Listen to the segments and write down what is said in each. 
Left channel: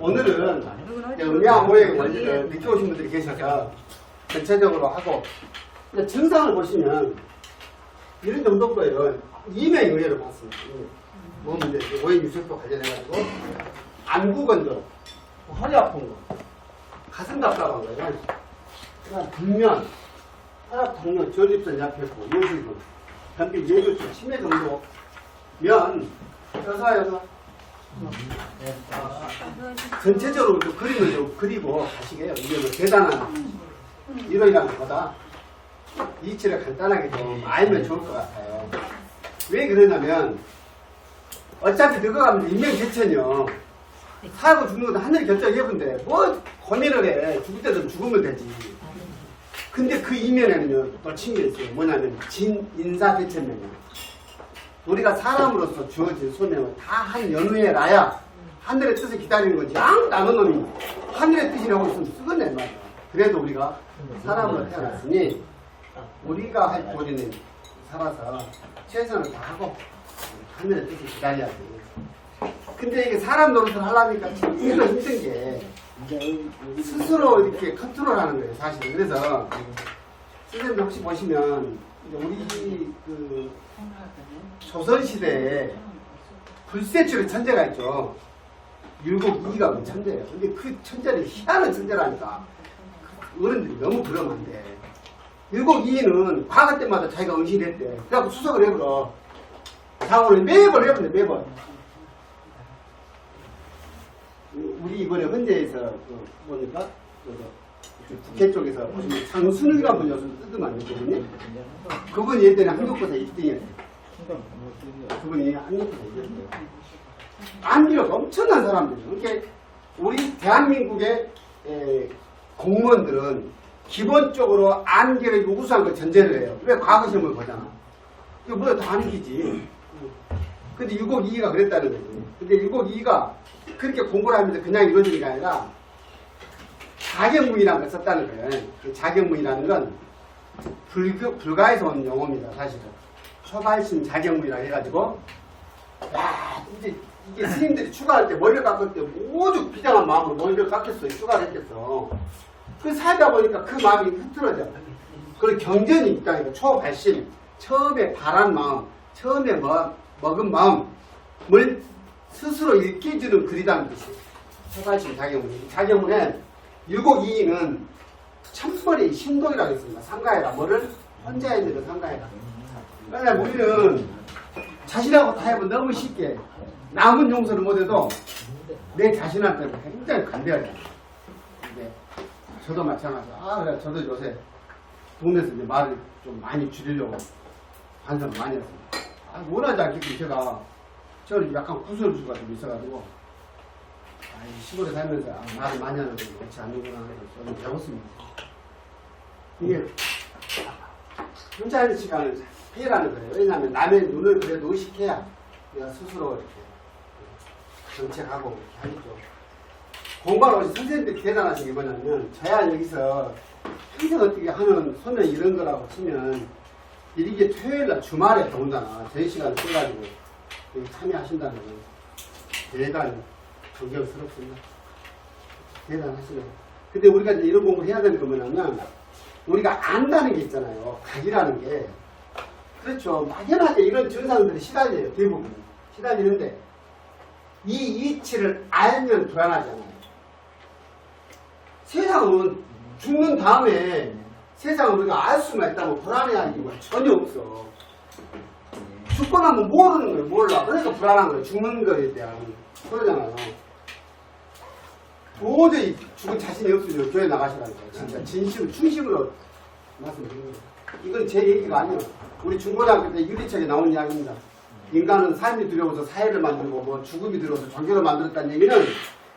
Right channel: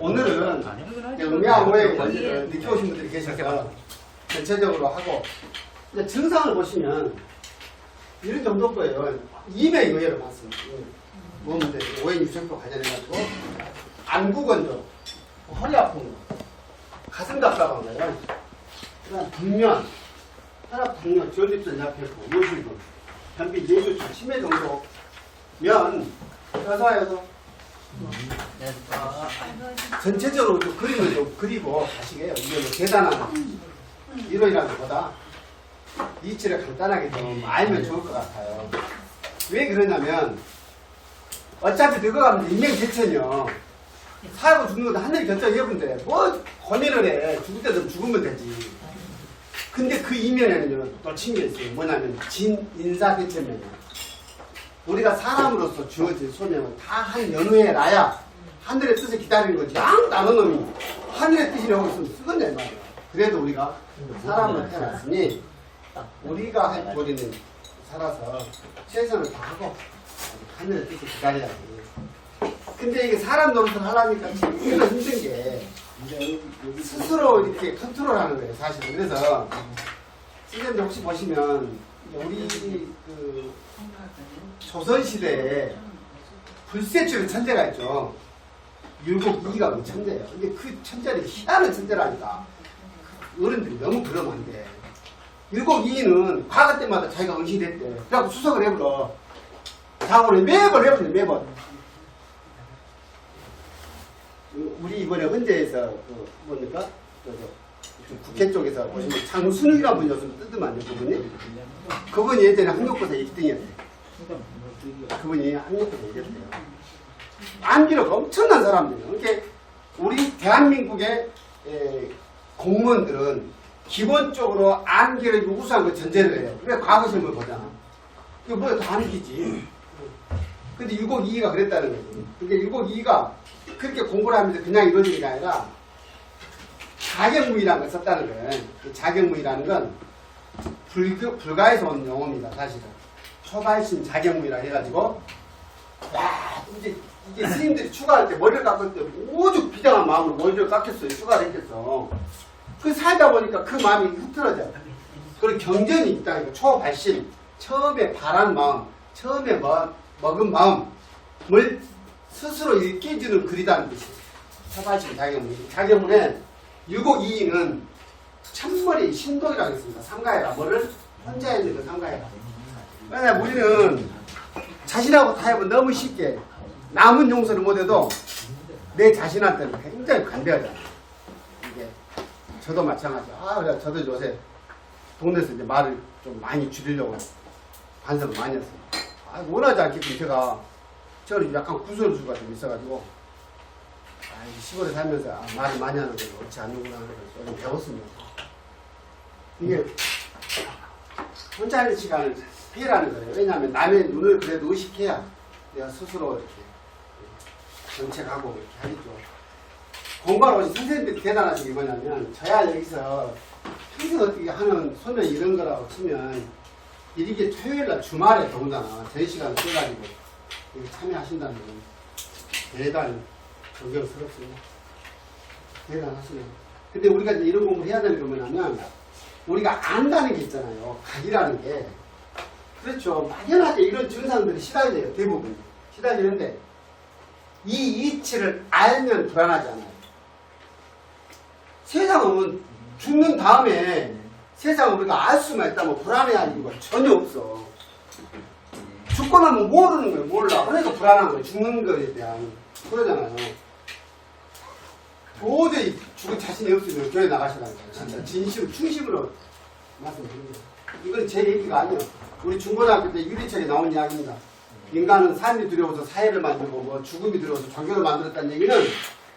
오늘은 음양 모의 원리를 느껴오신 분들이 계셔서 전체적으로 하고 근데 증상을 보시면 이런 정도 거예요. 이명이 의외로 많습니다. 몸인데 오해 유색도 관련해가지고 안구건조, 허리 아픈 거, 가슴 답답한 거예요. 그다음 불면, 혈압, 당뇨, 저집선 약했고 요실금, 변비 뇌조증 치매 정도면 여사 여 사 전체적으로 좀 그림을 좀 그리고 가시게요. 이게 뭐 대단한 이론이라는 것보다 이치를 간단하게 좀 알면 좋을 것 같아요. 왜 그러냐면 어차피 늙어가면 인명 제천이요. 살고 죽는 것도 하늘이 결정해본데 뭐 고민을 해. 죽을 때도 죽으면 되지. 근데 그 이면에는요 또 친게 있어요. 뭐냐면 진인사대천면이에요. 우리가 사람으로서 주어진 소명을 다한 연후에 나야 하늘의 뜻을 기다리는 거지. 아무도 안 오는 놈이 하늘의 뜻이라고 있으면 쓰겠네 말이야. 그래도 우리가 사람으로 태어났으니 우리가 할 도리는 살아서 최선을 다하고 하늘의 뜻을 기다려야 돼. 근데 이게 사람 노릇을 하려니까 제일 힘든 게 스스로 이렇게 컨트롤하는 거예요, 사실은. 그래서 선생님들 혹시 보시면 우리 그 조선시대에 불세출의 천재가 있죠. 율곡이가 그 천재예요. 근데 그 천재는 희한한 천재라니까. 어른들이 너무 안 돼. 율곡이는 과거 때마다 자기가 은신했대. 그래갖고 수석을 해버려. 장원을 매번 해버려, 매번. 우리 이번에 헌재에서 그 뭡니까? 그 저, 그 국회 쪽에서 보시면 장순이라는 분이 요즘 뜯으면 그분이? 그분이 예전에 한국고사 1등이었대. 그분이 한국고사 1등이었대요. 암기력 엄청난 사람들이에요. 이렇게 우리 대한민국의 에, 공무원들은 기본적으로 암기력이 우수한 걸 전제를 해요. 왜 과거 시험을 보잖아. 이거 뭐야 다 암기지. 근데 652가 그랬다는 거지. 근데 652가 그렇게 공부를 하면서 그냥 이루어지는 게 아니라 자격무이라는 걸 썼다는 거예요. 그 자격무이라는 건 불교, 불가에서 온 용어입니다. 사실은. 초발신 자격무이라 해가지고 야 이제 이게 스님들이 추가할 때 머리를 깎을 때 오죽 비장한 마음으로 머리를 깎겠어요. 추가를 했겠어. 그 살다 보니까 그 마음이 흐트러져요. 그리고 경전이 있다니까 초발신 처음에 바란 마음 처음에 먹, 먹은 마음을 스스로 일깨주는 글이라는 뜻이에요. 초발신 자격문. 자격문에 유곡이인은 천머리 신동이라고 있습니다. 삼가해라. 뭐를 혼자 있는 그 삼가해라. 왜냐면 우리는 자신하고 타협은 너무 쉽게 남은 용서를 못해도 내 자신한테는 굉장히 간대하잖아. 이게 저도 마찬가지. 아 그래 저도 요새 동네에서 이제 말을 좀 많이 줄이려고 반성을 많이 했어요. 아 원하지 않겠고 제가 저는 약간 구설수가 좀 있어가지고 아, 이 시골에 살면서 아, 말을 많이 하는 게 옳지 않는구나 하는 걸좀 배웠습니다. 이게 혼자 있는 시간을 피해라는 거예요. 왜냐하면 남의 눈을 그래도 의식해야 내가 스스로 이렇게 정책하고 이렇게 하겠죠. 공부하러 오신 선생님들이 대단하신 게 뭐냐면 저야 여기서 평생 어떻게 하는 소명 이런 거라고 치면 이게 토요일날 주말에 더군다나 제 시간을 써가지고 여기 참여하신다는 건 대단히 존경스럽습니다. 대단하시네요. 근데 우리가 이제 이런 공부를 해야 되는 게 뭐냐면 우리가 안다는 게 있잖아요. 각이라는 게. 그렇죠. 막연하게 이런 증상들이 시달려요. 대부분. 시달리는데 이 이치를 알면 불안하지 않아요. 세상은 죽는 다음에 세상을 우리가 알 수만 있다면 불안해할 이유가 전혀 없어. 죽고 나면 모르는 거예요. 몰라. 그러니까 불안한 거예요. 죽는 거에 대한. 그러잖아요. 도저히 죽을 자신이 없으면 교회 나가시라니까요. 진짜 진심으로, 충심으로 말씀드립니다. 이건 제 얘기가 아니에요. 우리 중고등학교 때 유리책에 나온 이야기입니다. 인간은 삶이 두려워서 사회를 만들고 뭐 죽음이 두려워서 종교를 만들었다는 얘기는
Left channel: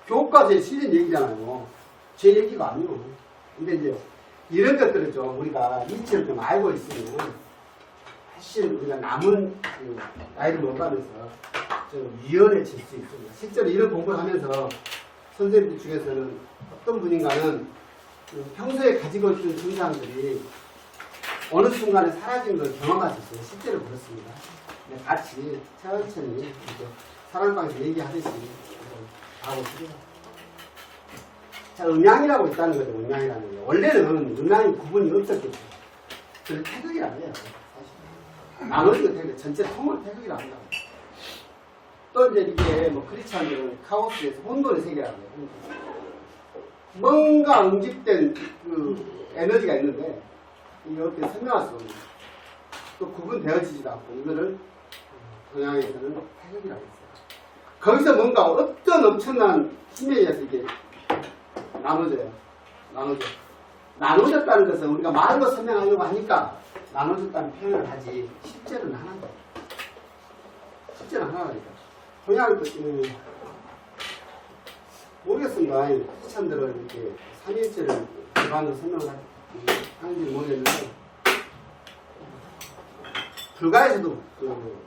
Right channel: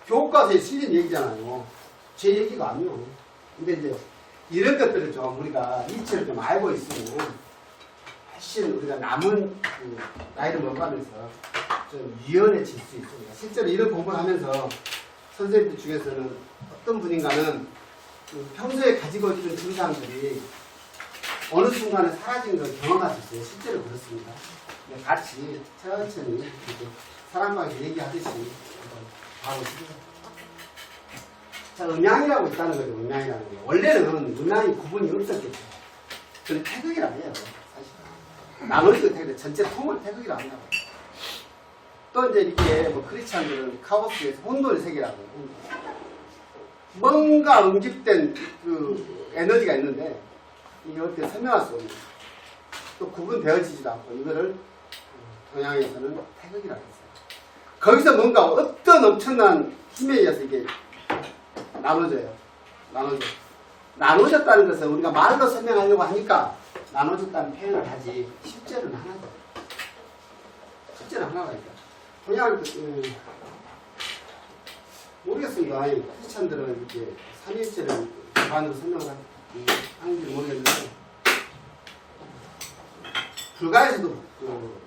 교과서에 실린 얘기잖아요. 제 얘기가 아니에요. 근데 이제 이런 것들을 좀 우리가 이치를 좀 알고 있으면 훨씬 우리가 남은 그 나이를 먹어가면서 좀 유연해질 수 있습니다. 실제로 이런 공부를 하면서 선생님들 중에서는 어떤 분인가는 그 평소에 가지고 있던 증상들이 어느 순간에 사라지는 걸 경험할 수 있어요. 실제로 그렇습니다. 네, 같이 천천히 이렇게 사랑방에서 얘기하듯이 한번 싶어요. 자, 음양이라고 있다는 거죠. 음양이라는 게. 원래는 음양이 구분이 없었겠죠. 그걸 태극이라고 해요. 사실. 나머지가 태극, 전체 통을 태극이라 한다고. 또 이제 이게 뭐 크리스찬들은 카오스에서 혼돈의 세계라고 해요. 혼돈. 뭔가 응집된 그 에너지가 있는데 이게 어떻게 설명할 수 없는 또 구분되어지지도 않고 이거를 동양에서는 태극이라고 했어요. 거기서 뭔가 어떤 엄청난 힘에 의해서 이게 나눠져요. 나눠져. 나눠졌다는 것은 우리가 말로 설명하려고 하니까 나눠졌다는 표현을 하지 실제로는 하나다. 실제로는 하나라니까. 동양 음, 모르겠습니다. 아니, 크리스천들은 이렇게 삼일체를 기반으로 설명을 하- 음, 하는지 모르겠는데 불가에서도 그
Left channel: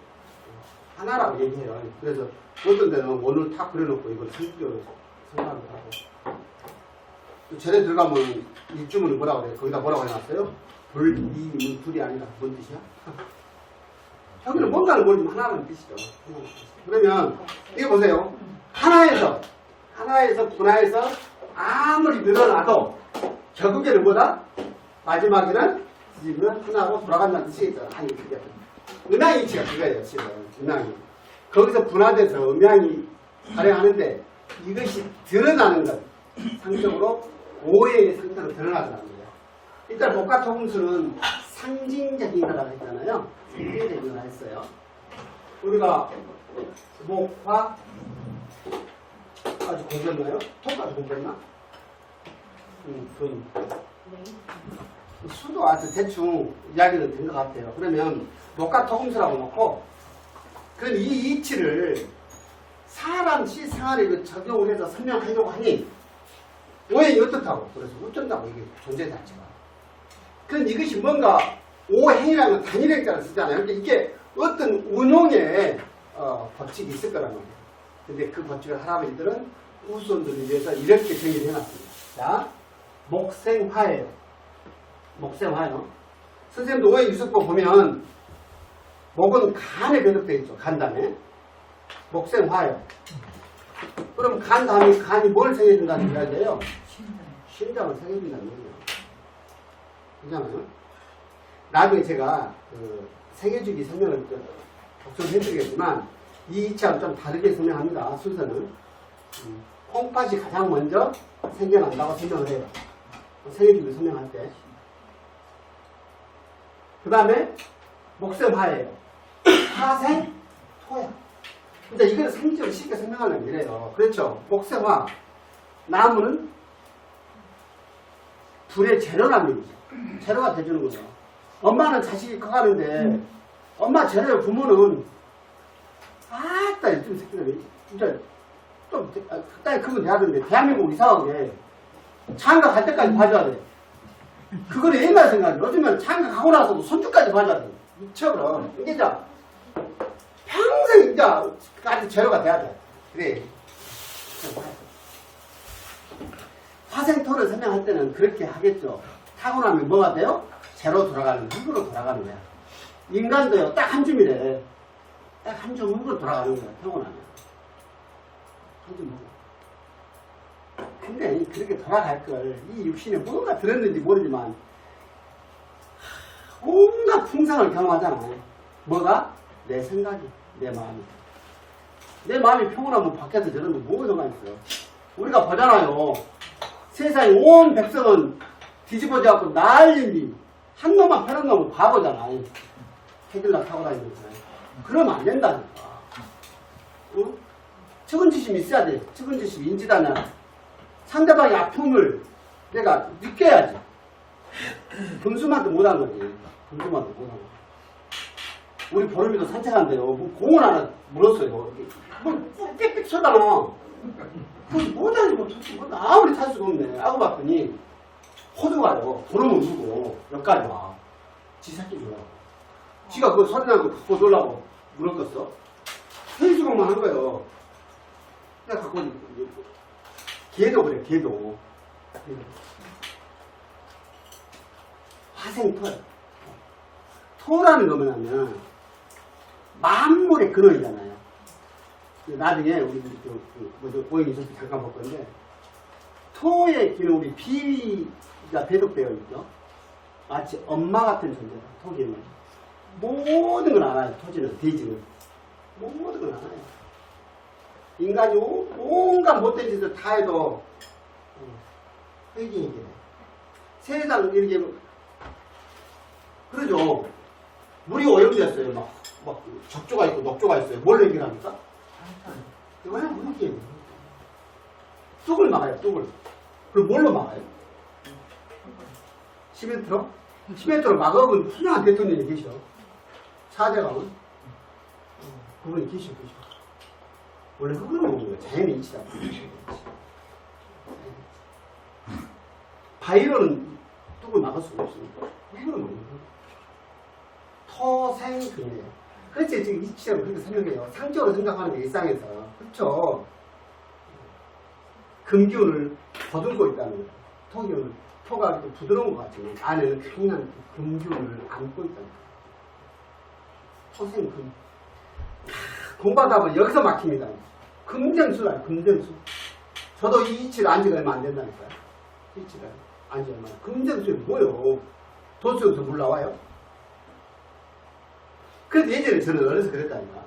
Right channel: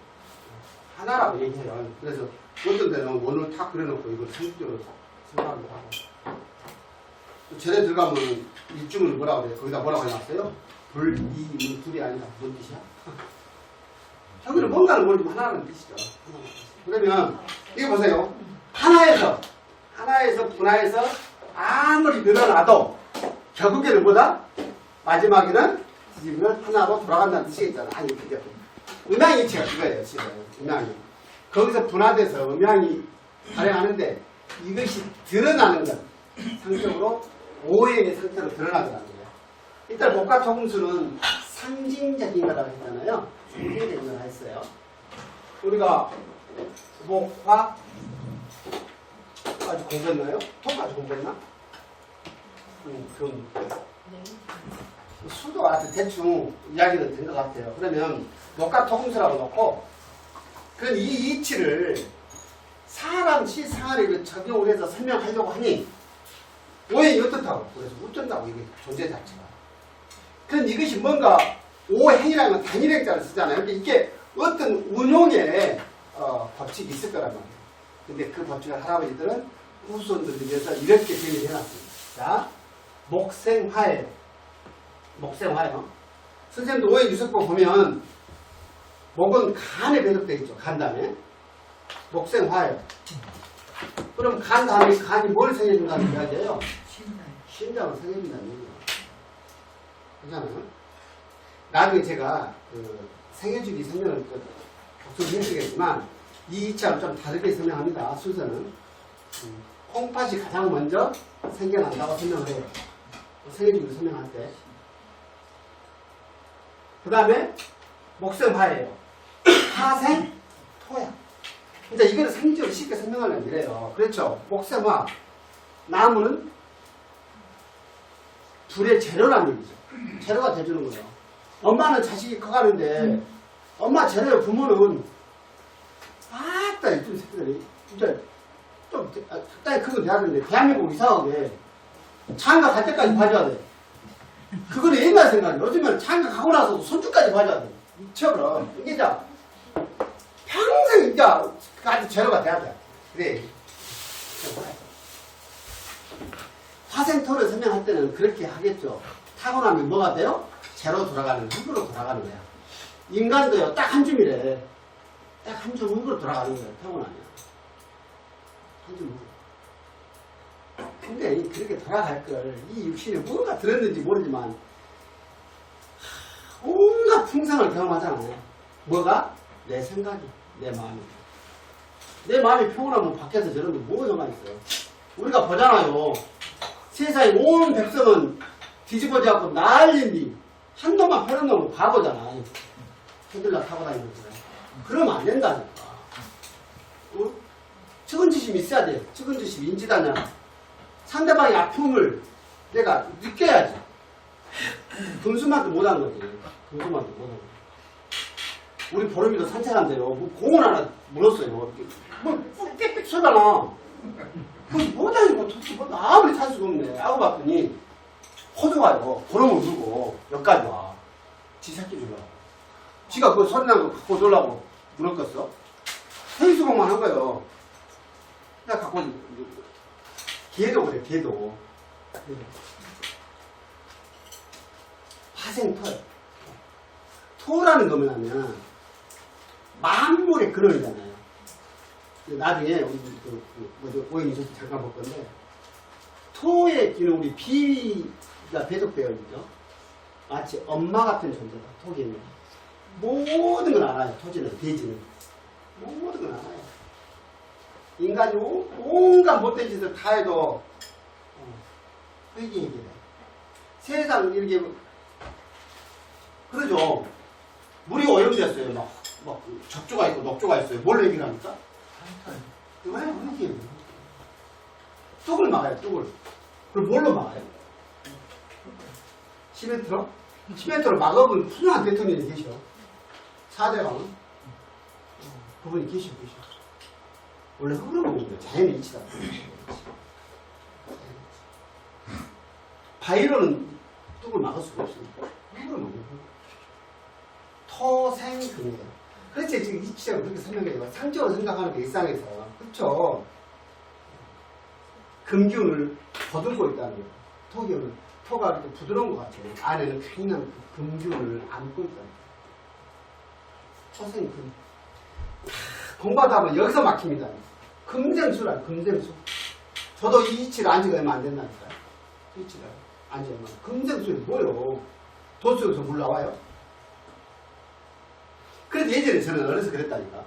하나라고 얘기해요. 그래서 어떤 데는 원을 탁 그려놓고 이걸 상식적으로 생각하기도 하고 또 절에 들어가면 일주문을 뭐라고 그래요? 거기다 뭐라고 해놨어요? 불, 이, 문, 둘이 아니라 뭔 뜻이야? 여기는 뭔가를 모르지만 하나라는 뜻이죠. 그러면 이거 보세요. 하나에서 하나에서 분화해서 아무리 늘어나도 결국에는 뭐다? 마지막에는 뒤집으면 하나로 돌아간다는 뜻이겠잖아. 아니, 그죠? 음양이 이치가 그거예요, 지금. 음양이. 거기서 분화돼서 음양이 발행하는데 이것이 드러나는 것, 상적으로 오해의 상태로 드러나더라는 거예요. 일단 복합조금수는 상징적인 거라고 했잖아요. 상징적인 거라 했어요. 우리가 목화 아주 공부했나요? 톡까지 공부했나? 음, 그럼 수도 아주 대충 이야기는 된 것 같아요. 그러면 목과 토금수라고 놓고 그럼 이 이치를 사람 실생활에 그 적용을 해서 설명하려고 하니 오행이 어떻다고? 그래서 어쩐다고 이게 존재 자체가. 그럼 이것이 뭔가 오행이라는 건 단일 행자를 쓰잖아요. 그러니까 이게 어떤 운용의 어, 법칙이 있을 거란 말이에요. 근데 그 법칙을 할아버지들은 후손들을 위해서 이렇게 정의를 해놨습니다. 자, 목생화예요. 목생화요. 선생님도 오해 유습법 보면 목은 간에 배속되어 있죠. 간담에. 목생화예요. 그럼 간 다음에 간이 뭘 생겨준다는 이야기예요? 신장을 생겨준다는 얘기예요. 그렇잖아요. 나중에 제가 그 생애주기 설명을 복습을 해드리겠지만 이 이치하고 좀 다르게 설명합니다. 순서는 음, 콩팥이 가장 먼저 생겨난다고 설명을 해요. 생애주기 설명할 때. 그 다음에 목성화예요. 화생 토야. 이제 이거는 생적으로 쉽게 설명하려면 이래요. 그렇죠. 목성화. 나무는 불의 재료란 얘기죠. 재료가 돼주는 거죠. 엄마는 자식이 커가는데 엄마 재료 부모는 아따 이쁜 새끼들이 진짜 좀 아, 적당히 크면 돼야 되는데 대한민국 이상하게 장가 갈 때까지 봐줘야 돼. 그거는 옛날 생각이 요즘은 장가 가고 나서도 손주까지 봐줘야 돼. 미쳐버려. 이게 자 평생 이제 아주 재료가 돼야 돼. 그래. 화생토를 설명할 때는 그렇게 하겠죠. 타고나면 뭐가 돼요? 재로 돌아가는, 흙으로 돌아가는 거야. 인간도요, 딱 한 줌이래. 딱 한 줌 흙으로 돌아가는 거야, 타고나면. 한 줌 흙. 근데 이 그렇게 돌아갈 걸, 이 육신에 뭔가 들었는지 모르지만, 하, 온갖 풍상을 경험하잖아요. 뭐가? 내 생각이, 내 마음이. 내 마음이 평온하면 밖에서 저런데 뭐가 정말 있어요. 우리가 보잖아요. 세상에 온 백성은 뒤집어져 갖고 난리니 한 놈만 편한 놈은 바보잖아. 헤들라 타고 다니는 거잖아요. 그러면 안 된다니까. 어? 측은지심이 있어야 돼. 측은지심 인지다냐. 상대방의 아픔을 내가 느껴야지. 금수만도 못한 거지. 금수만도 못한 거. 우리 보름이도 산책한대요. 뭐 공원 하나 물었어요. 이렇게. 뭐 빽빽 쏘잖아. 뭐다니고 뭐 아무리 찾을 수가 없네. 알고 봤더니 호두가요. 보름을 물고 여기까지 와. 지 새끼 주려고. 지가 그 소리 나고 갖고 놀라고 물었겠어? 생수공만 한 거요. 내가 갖고 온 개도 그래, 개도. 화생토. 토라는 거 뭐냐면 만물의 근원이잖아요. 그 나중에 우리 그, 그 뭐죠 오행 있을 때 잠깐 볼 건데 토의 기는 우리 비가 배독되어 있죠. 마치 엄마 같은 존재다. 토기는 모든 걸 알아요. 토지는 대지는 모든 걸 알아요. 인간이 오- 온갖 못된 짓을 다 해도 회개얘기해 세상 이렇게 그러죠. 물이 오염됐어요. 막, 막 적조가 있고 녹조가 있어요. 뭘 얘기합니까? 왜 우리 뚝을 막아요. 뚝을. 그럼 뭘로 막아요? 시멘트로? 시멘트로 막으면 훌륭한 대통령이 계셔. 4대 강은 그분이 계셔 계셔. 원래 흐름은 거예요. 자연의 이치다. 바위로는 뚝을 막을 수가 없습니다. 흐름은 거예요. 토생금이에요. 그렇지 지금 이치적으로 그렇게 설명해요. 상적으로 생각하는 게 일상에서 그렇죠. 금기운을 거둔고 있다는 거예요. 토기운은 토가 이렇게 부드러운 것 같지만 안에는 강한 그 금기운을 안고 있다는 거예요. 토생금. 공부하다 보면 여기서 막힙니다. 금정수라 금정수. 저도 이 이치를 안 지가 얼마 안 된다니까요. 이치를 안지 얼마. 금정수이 뭐요? 도수에서 물 나와요? 그래서 예전에 저는 어려서 그랬다니까.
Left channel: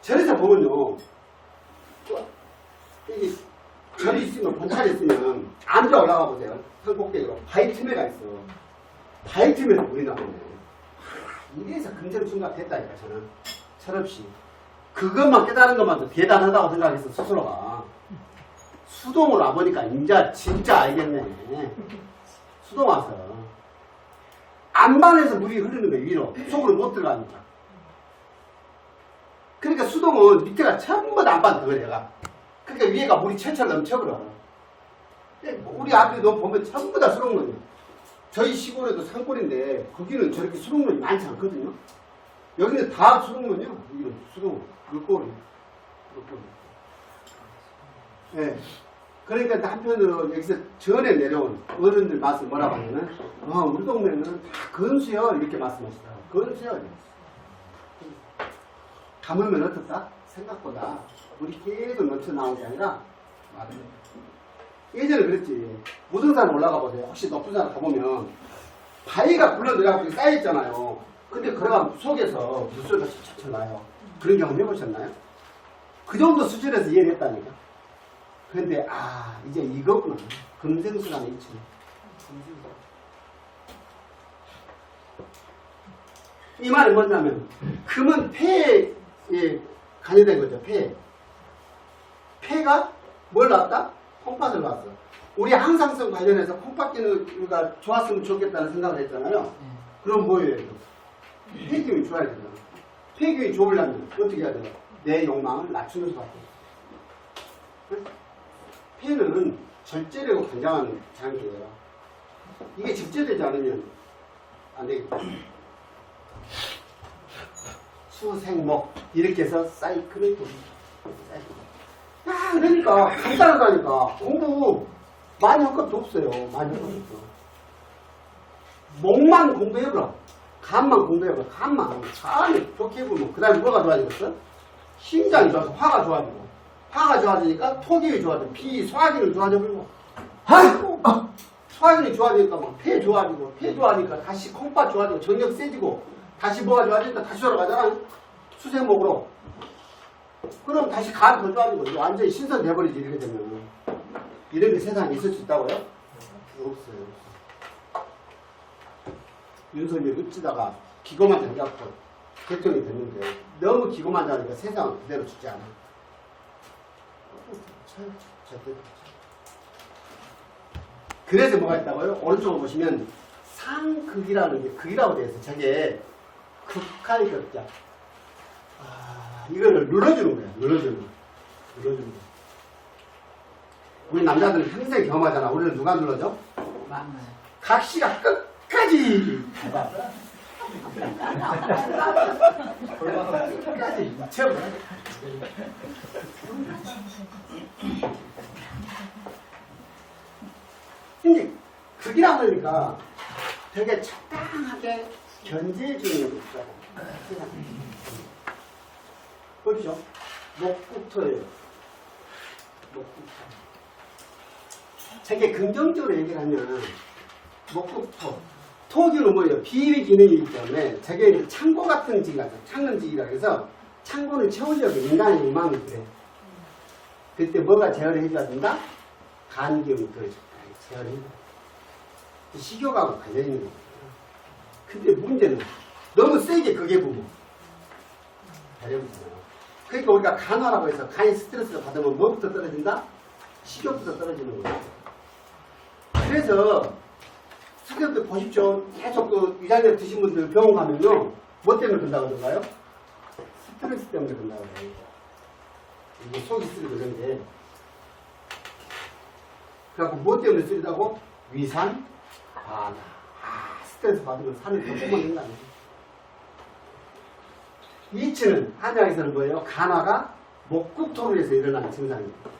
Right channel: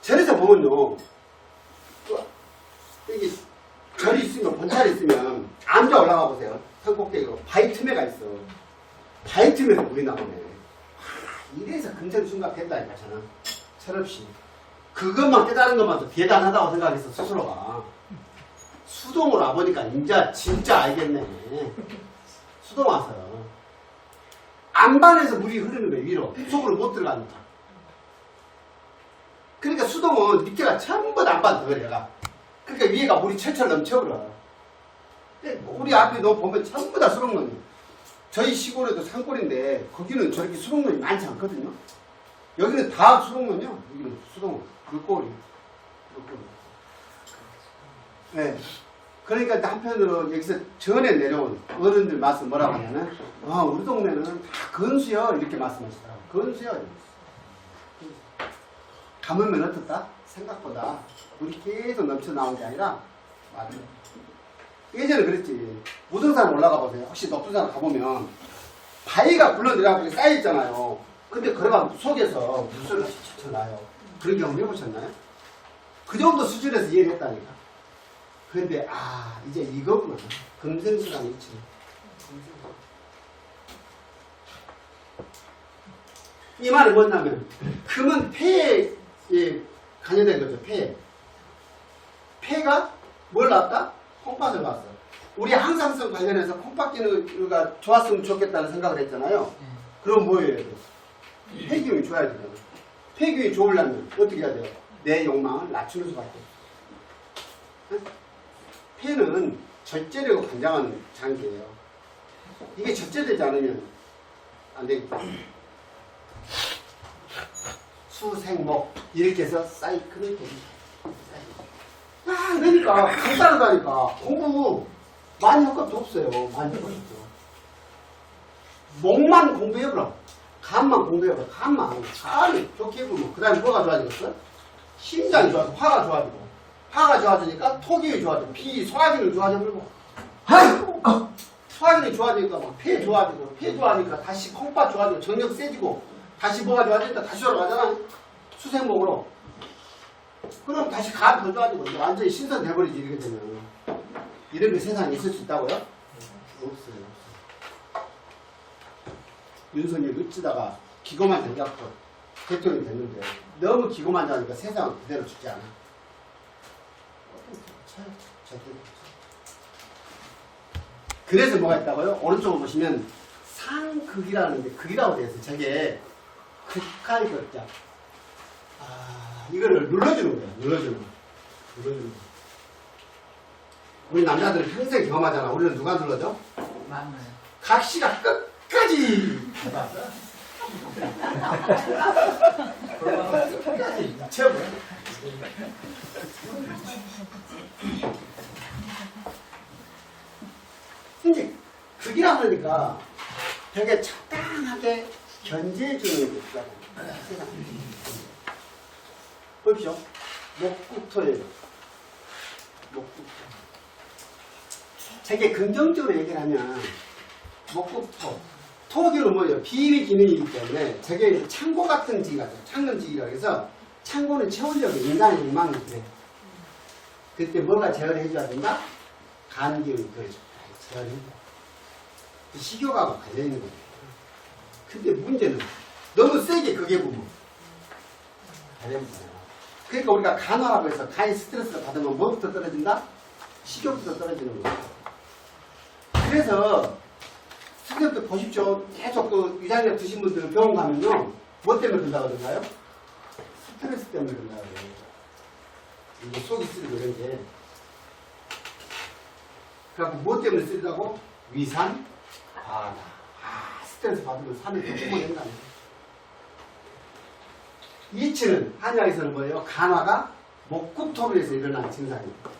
절에서 보면요. 또 이게 절이 있으면, 본찰이 있으면, 암자 올라가 보세요. 산 꼭대기로. 바위 틈에가 있어. 바위 틈에서 물이 나오네. 아, 이래서 금전 충각했다니까, 저는. 철없이. 그것만 깨달은 것만도 대단하다고 생각해서 스스로가. 수동으로 와보니까 인자 진짜 알겠네. 수동 와서. 안반에서 물이 흐르는 거예요, 위로. 속으로 못 들어가니까. 그러니까 수동은 밑에가 전부 다 안반 덩어리가. 그러니까 위에가 물이 철철 넘쳐버려. 우리 앞에 너 보면 전부 다 수록문이에요. 저희 시골에도 산골인데 거기는 저렇게 수록문이 많지 않거든요. 여기는 다 수록문이요. 여기는 수 록 물고리. 물고리. 예. 그러니까 한편으로 여기서 전에 내려온 어른들 말씀 뭐라고 하냐면, 아, 우리 동네는 다 건수요. 이렇게 말씀하시더라고요. 건수요. 가물면 어떻다? 생각보다 물이 계속 넘쳐 나온 게 아니라 말은 예전에 그랬지 무등산 올라가 보세요 혹시 높은 산 가보면 바위가 굴러내려가지고 쌓여있잖아요 근데 걸어가면 속에서 물소리가 쳐 나요 그런 경험 해보셨나요? 그 정도 수준에서 이해를 했다니까. 근데 아 이제 이거구나. 금생수랑 있지 이 말은 뭐냐면 금은 폐에 관여된 거죠 폐. 폐가 뭘 낳았다? 콩팥을 낳았어. 우리 항상성 관련해서 콩팥 기능가 좋았으면 좋겠다는 생각을 했잖아요. 그럼 뭐예요? 폐기운이 좋아야 되잖아 폐기운이 좋으려면 어떻게 해야 돼요? 내 욕망을 낮추는 수밖에 없어 응? 폐는 절제력을 관장하는 장기예요 이게 절제되지 않으면 안 되겠죠 수생목 이렇게 해서 사이클을 돌립니다. 사이클. 아 그러니까 간단하다니까 공부 많이 할 것도 없어요. 많이 할 것도. 목만 공부해보라. 간만 공부해보라. 간만. 간을 좋게 해보면 그 다음에 뭐가 좋아지겠어? 심장이 좋아지고 화가 좋아지고 화가 좋아지니까 토기이 좋아지고 피 소화기는 좋아져 버리고 소화기는 좋아지니까 막 폐 좋아지고 폐 좋아지니까 다시 콩팥 좋아지고 정력 세지고 다시 뭐가 좋아지니까 다시 돌아가잖아. 수생목으로. 그럼 다시 간 더 좋아지고 완전히 신선 돼버리지 이렇게 되면. 이런 게 세상에 있을 수 있다고요? 없어요. 윤석열 어찌다가 기고만 당겨갖고 대통령이 됐는데 너무 기고만 당하니까 세상은 그대로 죽지 않아. 그래서 뭐가 있다고요? 오른쪽을 보시면 상극이라는 게 극이라고 되어 있어요. 저게 극할 극자. 아, 이거를 눌러주는 거야. 눌러주는 거. 눌러주는 거. 우리 남자들은 평생 경험하잖아. 우리는 누가 눌러줘? 각시가 끝 까지 해봐. 끝까지 미쳐버려. 이제 극이라 그러니까 되게 적당하게 견제해주는 게 있어요. 보십시오. 목국토예요. 목국토. 되게 긍정적으로 얘기를 하면 목국토. 토기는 뭐예요? 비위 기능이기 때문에 저게 창고 같은 지가 창문지기라 그래서 창고는 채우려고 인간의 욕망을 그래요. 그때 뭐가 제어를 해줘야 된다? 간기운이 그걸 제어를 해줘. 식욕하고 관련 있는 거예요. 근데 문제는 너무 세게 그게 보면 가려움잖아요. 그러니까 우리가 간화라고 해서 간이 스트레스를 받으면 뭐부터 떨어진다? 식욕부터 떨어지는 거예요. 그래서 스트레스 보십시오. 계속 그 위장약 드신 분들 병원 가면요. 뭐 때문에 그런다고 그런가요? 스트레스 때문에 그런다고 그래요. 이거 속이 쓰리고 이런 게. 그래갖고 뭐 때문에 쓰리다고? 위산, 바다. 아, 스트레스 받으면 산을 좀 뿜어낸다네. 이치는 한약에서는 뭐예요? 간화가 목국토로 해서 일어나는 증상입니다.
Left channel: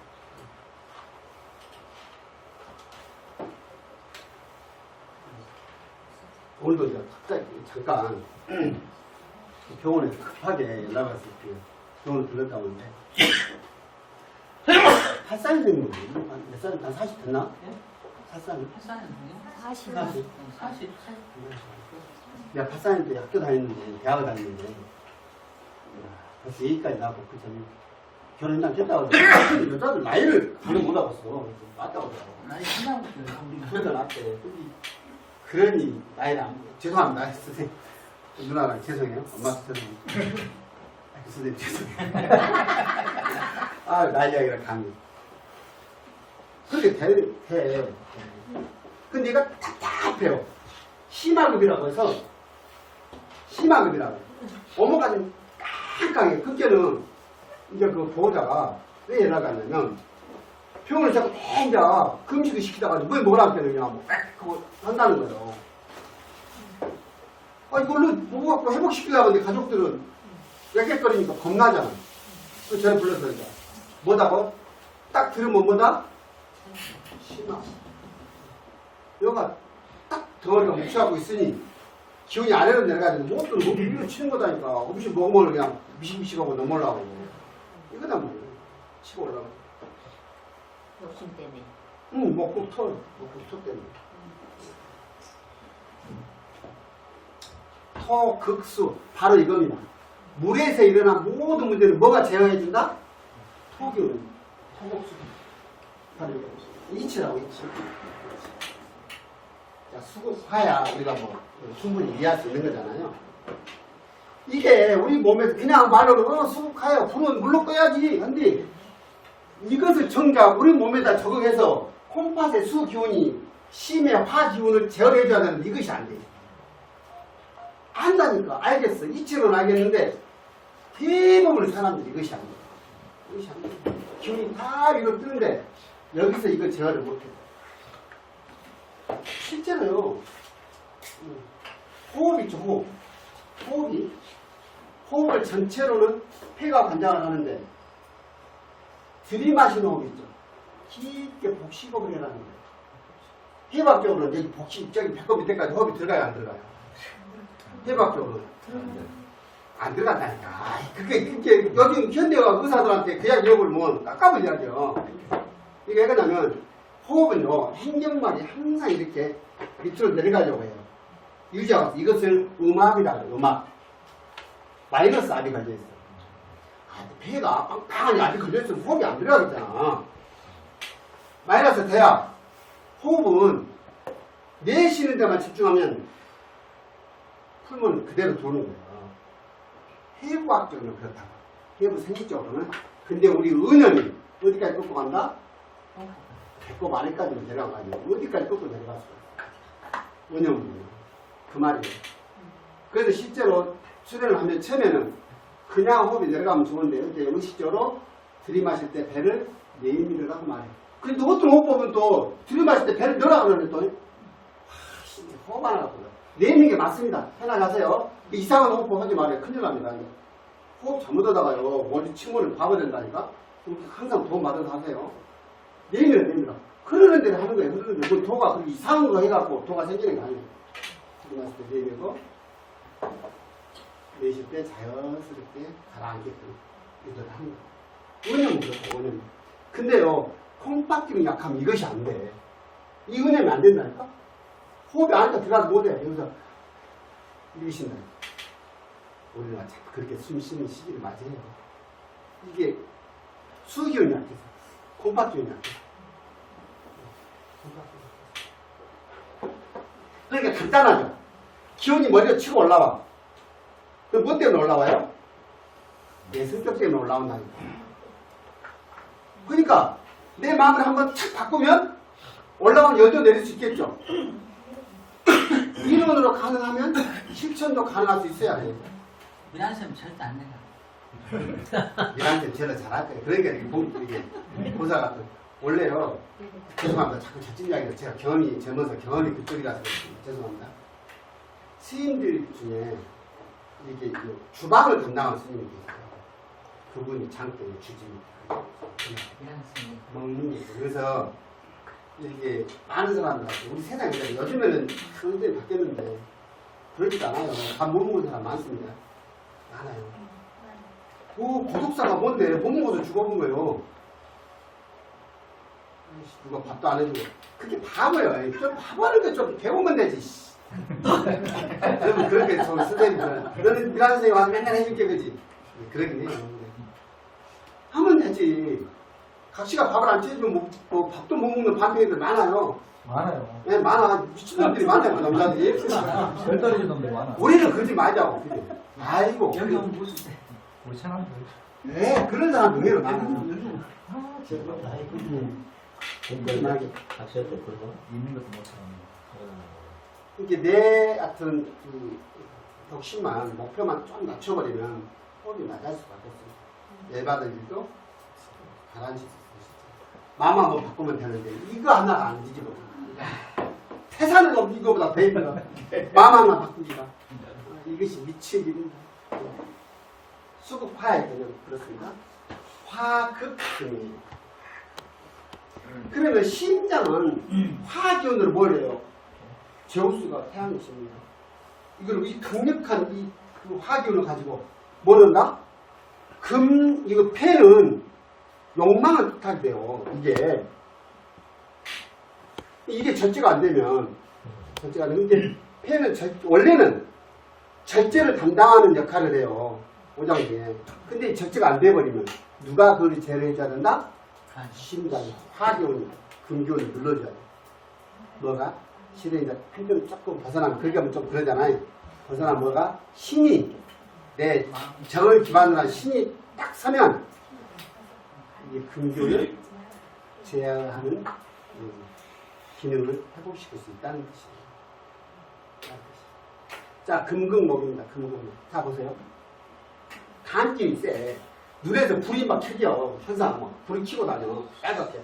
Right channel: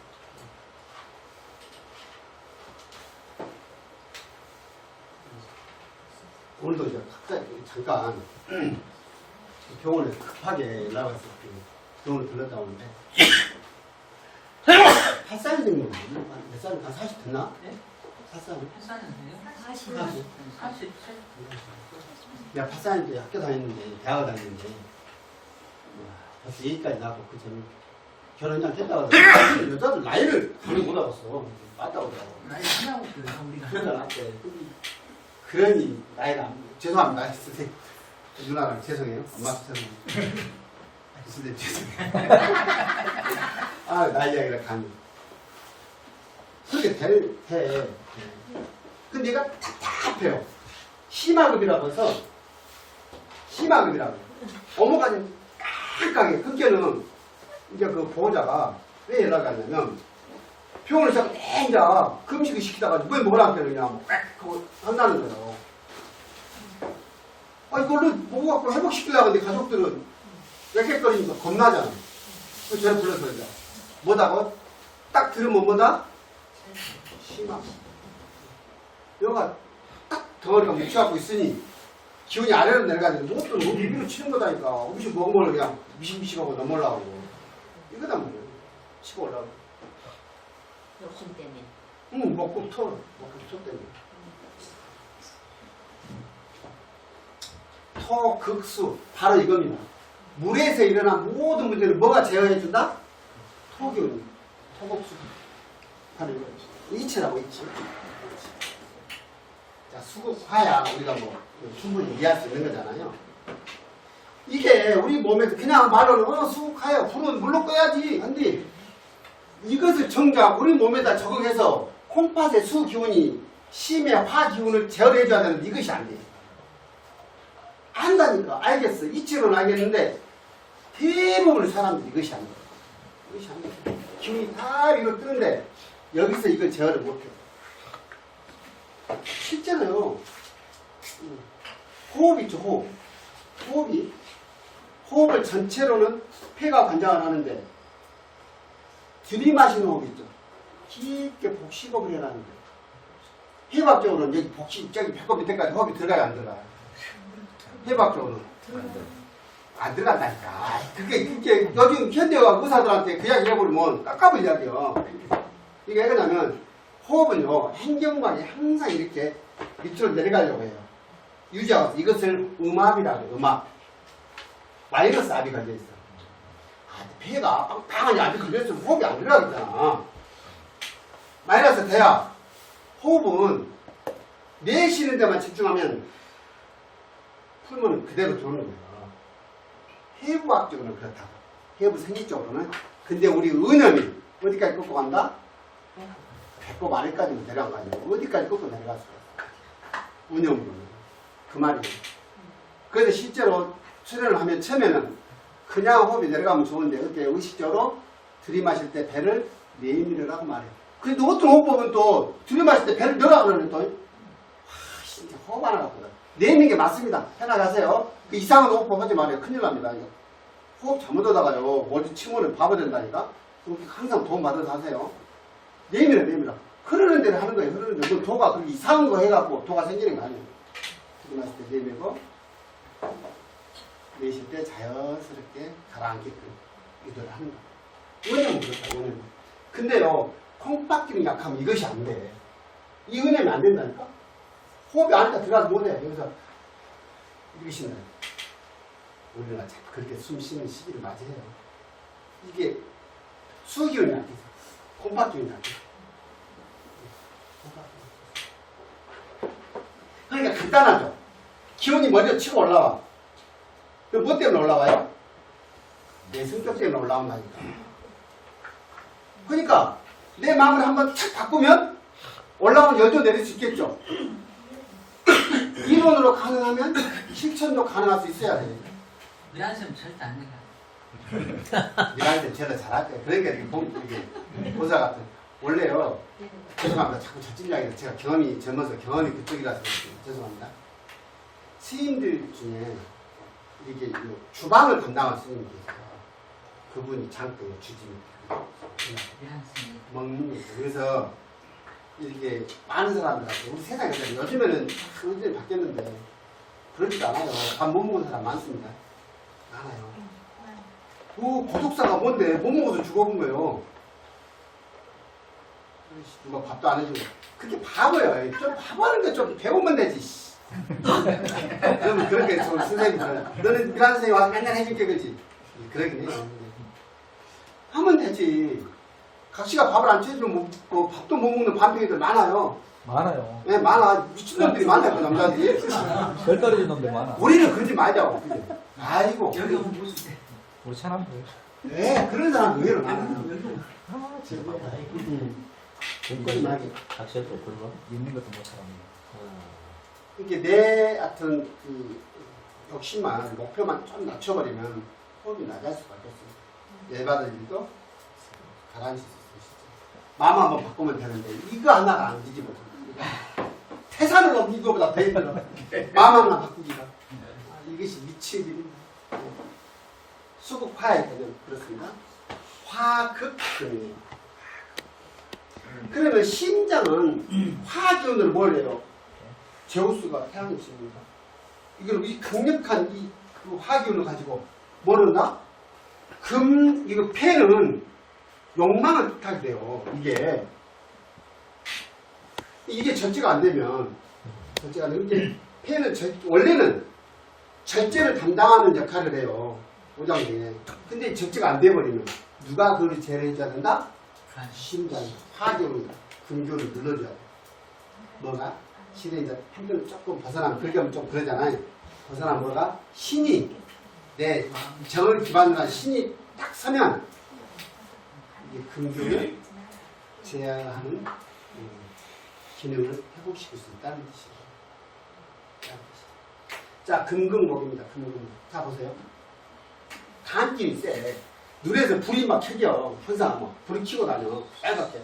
오늘도 이제 갑자기 잠깐 병원에서 급하게 연락 와서 그 병원을 들렀다 오는데 8살 정도 몇 살? 한 40 됐나? 네? 8살? 사실 40. 사실 내가 8살 때 학교 다녔는데 대학을 다녔는데 야, 벌써 여기까지 나고 그 전에 결혼장 됐다고 하더라고 여자들 나이를 가는 못 하겠어 맞다고 하더라고 나이 하나고 그래 우리가 둘다 낫대 근데 그러니 나이를 안 죄송합니다. 선생님. 누나가 죄송해요. 엄마 죄송해요. 아, 선생님 죄송해요. 아 나이 이야기를 감히 그렇게 돼, 돼. 근데 얘가 답답해요. 심화급이라고 해서 심화급이라고. 어머까지 깜깜하게. 그때는 이제 그 보호자가 왜 연락이 왔냐면 병원에 자꾸 혼자 금식을 시키다가 뭐 뭐라 그러냐 뭐 그거 한다는 거죠. 아 이걸로 뭐 갖고 회복시키려고 하는데 가족들은 웩웩거리니까 겁나잖아. 그래서 저를 불러서 이제 뭐다고 딱 들으면 뭐다 심화. 여가 딱 덩어리가 뭉쳐갖고 있으니 기운이 아래로 내려가지고 무엇도 못 위로 치는 거다니까. 없이 먹으면 그냥 미식미식하고 넘어가고 이거단 말이에요. 치고 올라가고. 욕심 때문에. 응, 먹고 털, 먹고 털 때문에. 토극수, 바로 이겁니다. 물에서 일어난 모든 문제를 뭐가 제어해준다? 토기운, 토극수. 이치라고, 이치. 자, 수극화야 우리가 뭐 충분히 이해할 수 있는 거잖아요. 이게 우리 몸에서 그냥 말로는 어, 수극화야, 불은 물로 꺼야지. 근데 이것을 정작 우리 몸에다 적응해서 콩팥의 수 기운이 심의 화 기운을 제어해줘야 되는데 이것이 안 돼. 안다니까 알겠어. 이치로는 알겠는데 대부분의 사람들이 이것이 안 돼. 이것이 안 돼. 기운이 다 이거 뜨는데 여기서 이걸 제어를 못해. 쉽잖아요. 음. 호흡 있죠, 호흡. 호흡이 호흡을 전체로는 폐가 관장을 하는데 들이마시는 있죠. 깊게 복식호흡을 해라는 거예요. 해박적으로는 여기 복식, 저기 배꼽 밑에까지 호흡이 들어가요, 안 들어가요? 해박적으로는. 안 들어간다니까. 아이, 그게, 그게, 요즘 현대가 의사들한테 그 이야기 해버리면 깎아볼 이야기요. 이게 왜 그러냐면, 호흡은요, 행경막이 항상 이렇게 밑으로 내려가려고 해요. 유지하고 있어. 이것을 음압이라고 그래요, 음압. 마이너스 압이 걸려있어. 아, 배가 빵빵하니 압이 걸려있으면 호흡이 안 들어가겠잖아. 마이너스 돼야 호흡은 내쉬는 데만 집중하면 풀면 그대로 도는 거예요. 해부학적으로는 그렇다고. 해부 생리적으로는. 근데 우리 은염이 어디까지 꺾고 간다? 배꼽 안에까지는 내려간 거 아니에요. 어디까지 꺾고 있어. 은염으로. 그 말이에요. 그래서 실제로 수련을 하면 처음에는 그냥 호흡이 내려가면 좋은데 어때 의식적으로 들이마실 때 배를 내밀으라고 말해요. 근데 어떤 호흡법은 또 들이마실 때 배를 넣으라 그러네 또. 와, 진짜 호흡 하나 갖고 내미는 게 맞습니다. 편하가세요. 그 이상한 호흡법 하지 말아요. 큰일 납니다. 이거. 호흡 잘못하다가요. 어디 침몰을 바보 된다니까. 항상 도움 받아서 하세요. 내밀어 내밀어. 흐르는 대로 하는 거예요. 흐르는 대로. 그 도가 그렇게 이상한 거 해갖고 도가 생기는 거 아니에요. 들이마실 때 내밀고 내쉴 때 자연스럽게 가라앉게끔 유도를 하는 거예요. 원념은 그렇다, 원념은. 근데요, 콩팥기는 약하면 이것이 안 돼. 이 은혜면 안 된다니까? 호흡이 안에 들어가지 못해. 여기서 이렇게 쉰다. 우리가 그렇게 숨 쉬는 시기를 맞이해요. 이게 수기운이 약해서, 콩팥기운이 약해서. 그러니까 간단하죠. 기운이 머리에 치고 올라와. 그럼 뭐 때문에 올라와요? 내 성격 때문에 올라온다니까. 그러니까 내 마음을 한번 착 바꾸면 올라오는 열도 내릴 수 있겠죠. 이론으로 가능하면 실천도 가능할 수 있어야 돼. 미란쌤 절대 안 내가. 이랑들 제가 잘할 때 그러니까 이렇게 본 이렇게 보사 같은 원래요 죄송합니다 자꾸 저찐 이야기를 제가 경험이 젊어서 경험이 그쪽이라서. 죄송합니다 스님들 중에 이게 이 주방을 담당하는 스님이 계세요 그분이 주집니다 미란쌤이. 먹는 거죠 그래서 이렇게 많은 사람들한테 우리 세상에. 요즘에는 완전히 바뀌었는데 그러지도 않아요 밥 못 먹은 사람 많습니다 많아요 그 구독사가 뭔데 못 먹어서 죽어본 거예요. 누가 밥도 안 해주고 그게 바보예요. 좀 바보하는 거좀 배우면 되지. 씨. 그러면 그렇게 저 선생님들은 너는 미란 선생님 와서 맨날 해줄게 그지? 예, 그러긴 해요. 하면 되지. 각시가 밥을 안 쳐주면 뭐, 뭐 밥도 못 먹는 반평이들 많아요. 많아요. 예, 많아. 미친놈들이 많다고 남자들이. 별 떨어진 놈들 많아. 우리는 그러지 말자고. 그죠? 아이고. 여기 오면 볼수 있대. 우리 천안 네, 그런 사람 의외로 많아요. 여기 음. 깔끔하게. 각시할 때 그거? 있는 것도 못하는. 이 게내 같은 그 욕심만 목표만 좀 낮춰버리면 호흡이 낮아질 수밖에 없어요. 열받을 일도 가라앉을 수 있어요. 마음 한번 바꾸면 되는데 이거 하나가 안 뒤집어져. 태산을 넘기 이거보다 더 힘들어. 마음 하나 바꾸기가. 아, 이것이 미치의 길입니다. 수국화의 개념 그렇습니다. 화극금이에요. 그러면 심장은 화기운으로 뭘 해요? 제우스가 태양이 있습니다. 이걸 이 강력한 이그 화기운을 가지고 뭘 한다? 금 이거 폐는 욕망을 뜻하게 돼요. 이게 이게 절제가 안 되면 절제가 안 되면 이제 폐는 절- 원래는 절제를 담당하는 역할을 해요. 오장 중에. 근데 이 절제가 안 돼버리면 누가 그걸 제어해줘야 된다? 심장이 화기운이 금기운을 눌러줘야 돼. 뭐가? 실에 이제 한편 조금 벗어나면 그렇게 하면 좀 그러잖아요. 벗어나면 뭐가? 신이 내 정을 기반으로 한 신이 딱 서면 이 금기운을 제어하는 음, 기능을 회복시킬 수 있다는 뜻이에요. 자, 금극목입니다. 금극목. 자, 보세요. 간길이 세. 눈에서 불이 막 켜져. 항상 막 불이 켜고 다녀. 빨갛게.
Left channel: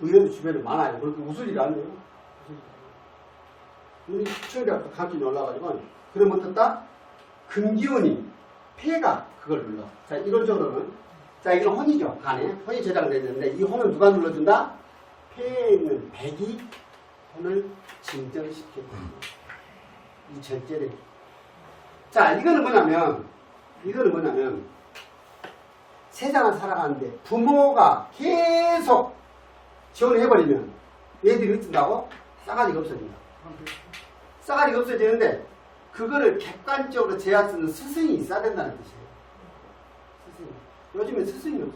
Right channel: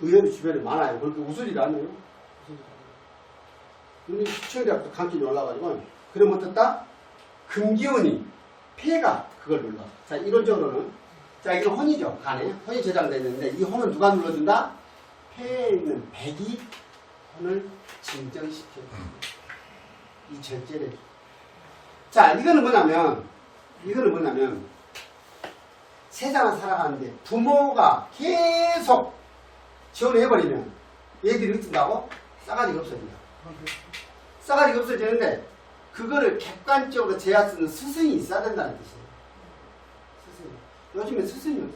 의외로 주변에 많아요. 그렇게 웃을 일이 아니에요. 웃을 일이 아니에요. 눈이 시청자부터 감기이 올라가지고 그러면 어떻다? 금기운이 폐가 그걸 눌러. 자 이론적으로는 자 이건 혼이죠 간에 혼이 저장되어 있는데 이 혼은 누가 눌러준다? 폐에 있는 백이 혼을 진정시켜 이 절제를 자 이거는 뭐냐면 이거는 뭐냐면 세상을 살아가는데 부모가 계속 지원해버리면 얘들이 어쩐다고? 싸가지가 없어진다. 싸가지가 없어지는데 그거를 객관적으로 있는 스승이 있어야 된다는 뜻이에요. 스승. 요즘에 스승이 없어,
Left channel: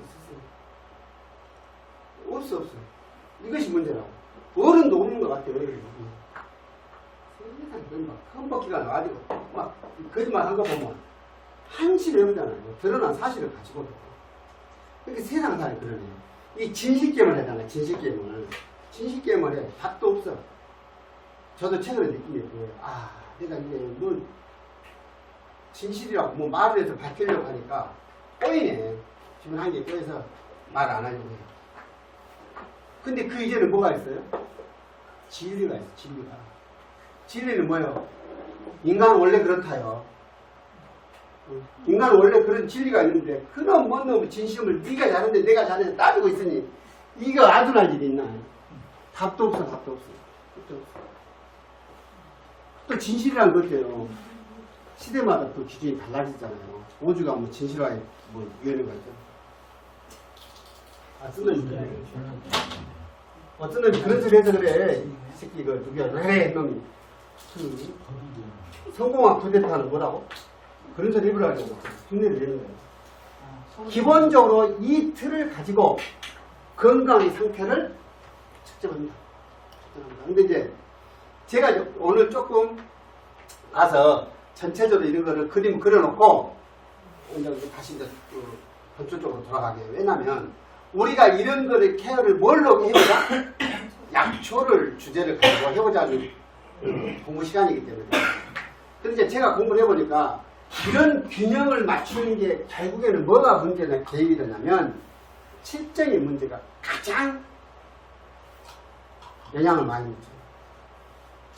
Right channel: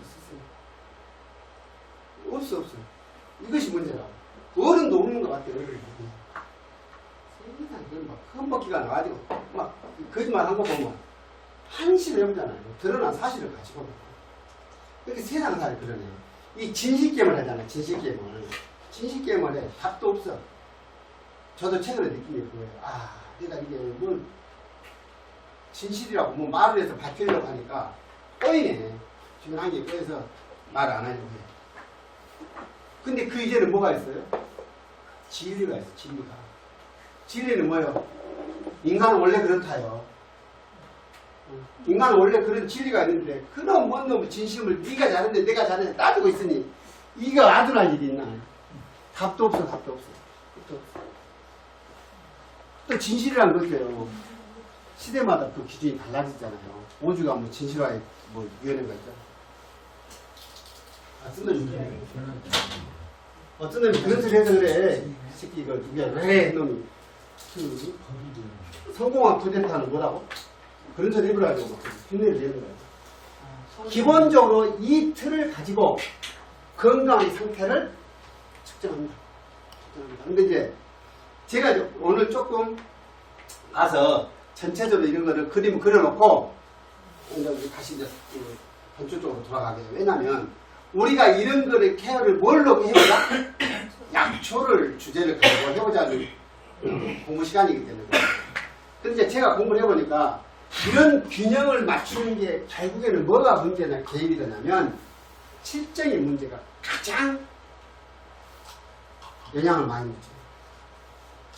스승. 없어, 없어. 이것이 문제라고. 어른도 없는 것 같아, 어른이. 세상에 그런 막 흠뻑기가 나가지고 막 거짓말 한 거 보면 한시를 해보잖아요. 드러난 사실을 가지고. 이렇게 세상 살이 그러네요. 이 진실게임을 하잖아요, 진실게임을. 진실게임을 해. 답도 없어. 저도 최근에 느낀 게 그거예요. 아, 내가 이게 뭐, 진실이라고 뭐 말을 해서 밝히려고 하니까 꼬이네. 주변 한개 꼬여서 말 안 하려고 해요. 근데 그 이제는 뭐가 있어요? 진리가 있어, 진리가. 진리는 뭐예요? 인간은 원래 그렇다요. 어, 인간은 원래 그런 진리가 있는데 그놈 뭔 놈의 진심을 네가 잘했는데 내가 잘했는데 따지고 있으니 이거 아둔할 일이 있나? 답도 없어, 답도 없어. 또 진실이란 것도요. 시대마다 또 기준이 달라지잖아요. 오주가 뭐 진실화의 뭐 위원회가 있죠. 아, 쓴 놈이 그래. 어떤 놈이 그런 소리 해서 그래. 이 새끼 이거 누구야? 왜 놈이. 그 성공한 쿠데타는 뭐라고? 그런 소리 해보라고 막 흉내를 내는 거야. 기본적으로 이 틀을 가지고 건강의 상태를. 측정합니다. 근데 이제 제가 오늘 조금 가서 전체적으로 이런 거를 그림 그려놓고 이제 다시 이제 그 본격적으로 돌아가게. 왜냐면 우리가 이런 거를 케어를 뭘로 해보자? 약초를 주제를 가지고 해보자는 어, 공부 시간이기 때문에. 근데 이제 제가 공부를 해보니까 이런 균형을 맞추는 게 결국에는 뭐가 문제나 개입이 되냐면 실정의 문제가 가장 영향을 많이 미쳐요.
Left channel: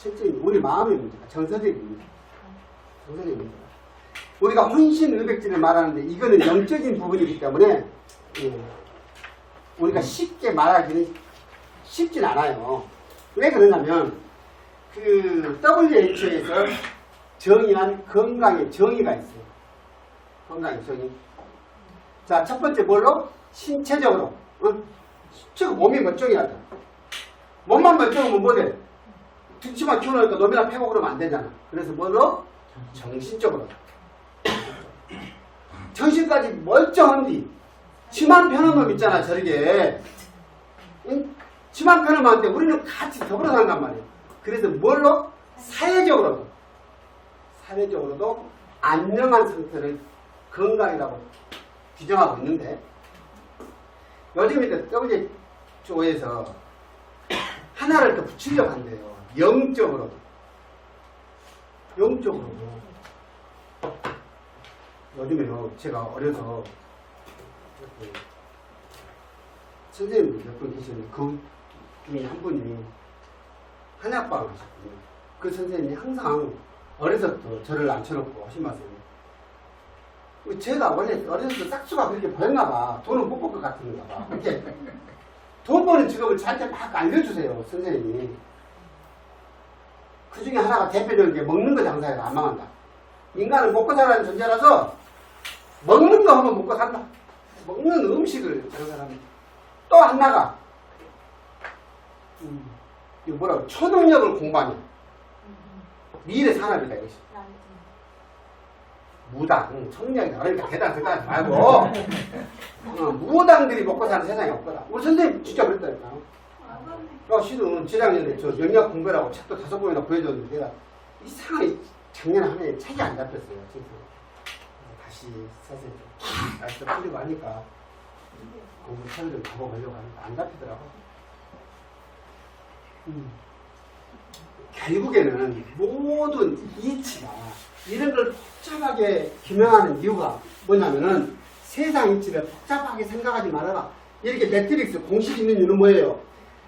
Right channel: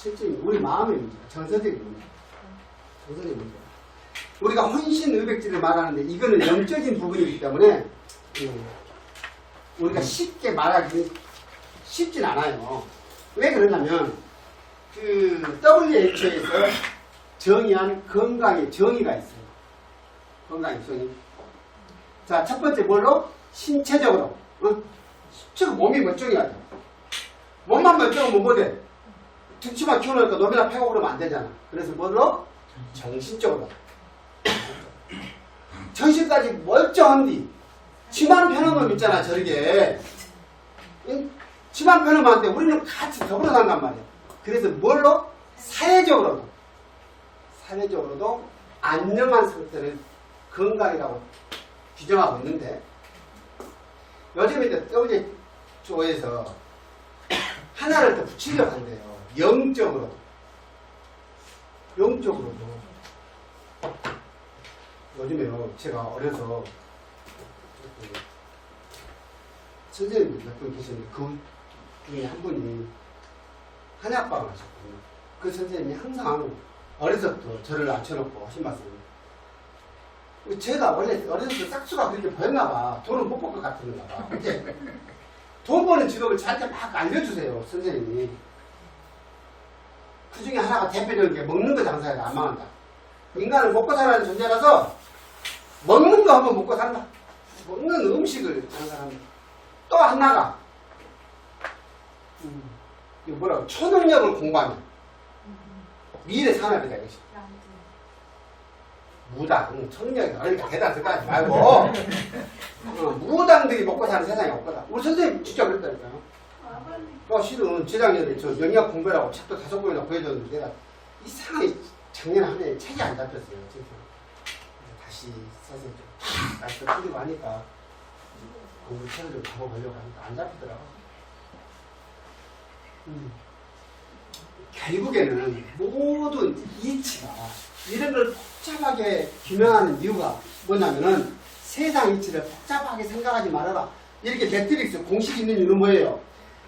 실정이 우리 마음의 문제가 정서적인 문제. 정서적인 문제가. 우리가 혼신 의백지를 말하는데 이거는 영적인 부분이기 때문에 예, 우리가 쉽게 말하기는 쉽진 않아요. 왜 그러냐면 그 WHO에서 정의한 건강의 정의가 있어요. 건강의 정의. 자, 첫 번째 뭘로? 신체적으로. 어? 저 몸이 멀쩡해야죠. 몸만 멀쩡하면 뭐돼? 등치만 키워놓으니까 놈이나 패고 그러면 안 되잖아. 그래서 뭘로? 정신적으로. 정신까지 멀쩡한 뒤 치만 펴는 놈 있잖아 저렇게 응? 치만 펴는 놈한테 우리는 같이 더불어 산단 말이야 그래서 뭘로? 사회적으로도 사회적으로도 안녕한 상태를 건강이라고 규정하고 있는데 요즘 이제 WHO에서 하나를 더 붙이려고 한대요 영적으로도 영적으로도 요즘에요, 제가 어려서 그 선생님들 몇분 계시는데 그 중에 한 분이 한약방을 하셨거든요. 그 선생님이 항상 어려서부터 저를 앉혀놓고 하신 말씀이 제가 원래 어려서부터 싹수가 그렇게 보였나 봐. 돈은 못 벌 것 같은가 봐. 이렇게 돈 버는 직업을 저한테 막 알려주세요, 선생님이. 그 중에 하나가 대표적인 게 먹는 거 장사해서 안 망한다. 인간은 먹고 살아야 하는 존재라서 먹는 거 하면 먹고 산다. 먹는 음식을 장사합니다. 또안 나가. 음, 이거 뭐라고? 초능력을 공부하는 미래 산업이다 이것이. 무당, 응, 초능력이다. 그러니까 대단 생각하지 말고 어, 무당들이 먹고 사는 세상이 없거든. 우리 선생님 진짜 그랬다니까. 어, 실은 재작년에 저 영역 공부라고 책도 다섯 권이나 보여줬는데 이상하게 작년 한 해에 책이 안 잡혔어요. 진짜. 다시 써서 좀 날씨도 풀리고 하니까 공부 책을 잡아보려고 하니까 안 잡히더라고. 음. 결국에는 모든 이치가 이런 걸 복잡하게 규명하는 이유가 뭐냐면은 세상 이치를 복잡하게 생각하지 말아라. 이렇게 매트릭스 공식이 있는 이유는 뭐예요?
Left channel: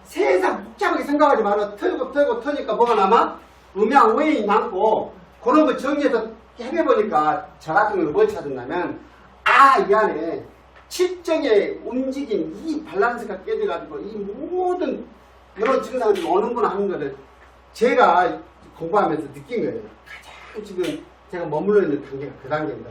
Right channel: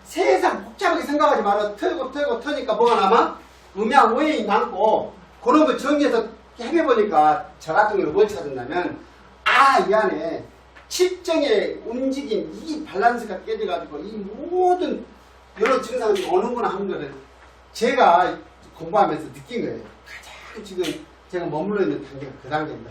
세상 복잡하게 생각하지 말아. 털고 털고 터니까 뭐가 남아? 음양 오해이 남고 그런 거 정리해서 해보니까 저 같은 경우는 뭘 찾았냐면 아 이 안에 칠정의 움직임 이 밸런스가 깨져가지고 이 모든 이런 증상이 오는구나 하는 거를 제가 공부하면서 느낀 거예요. 가장 지금 제가 머물러 있는 단계가 그 단계입니다.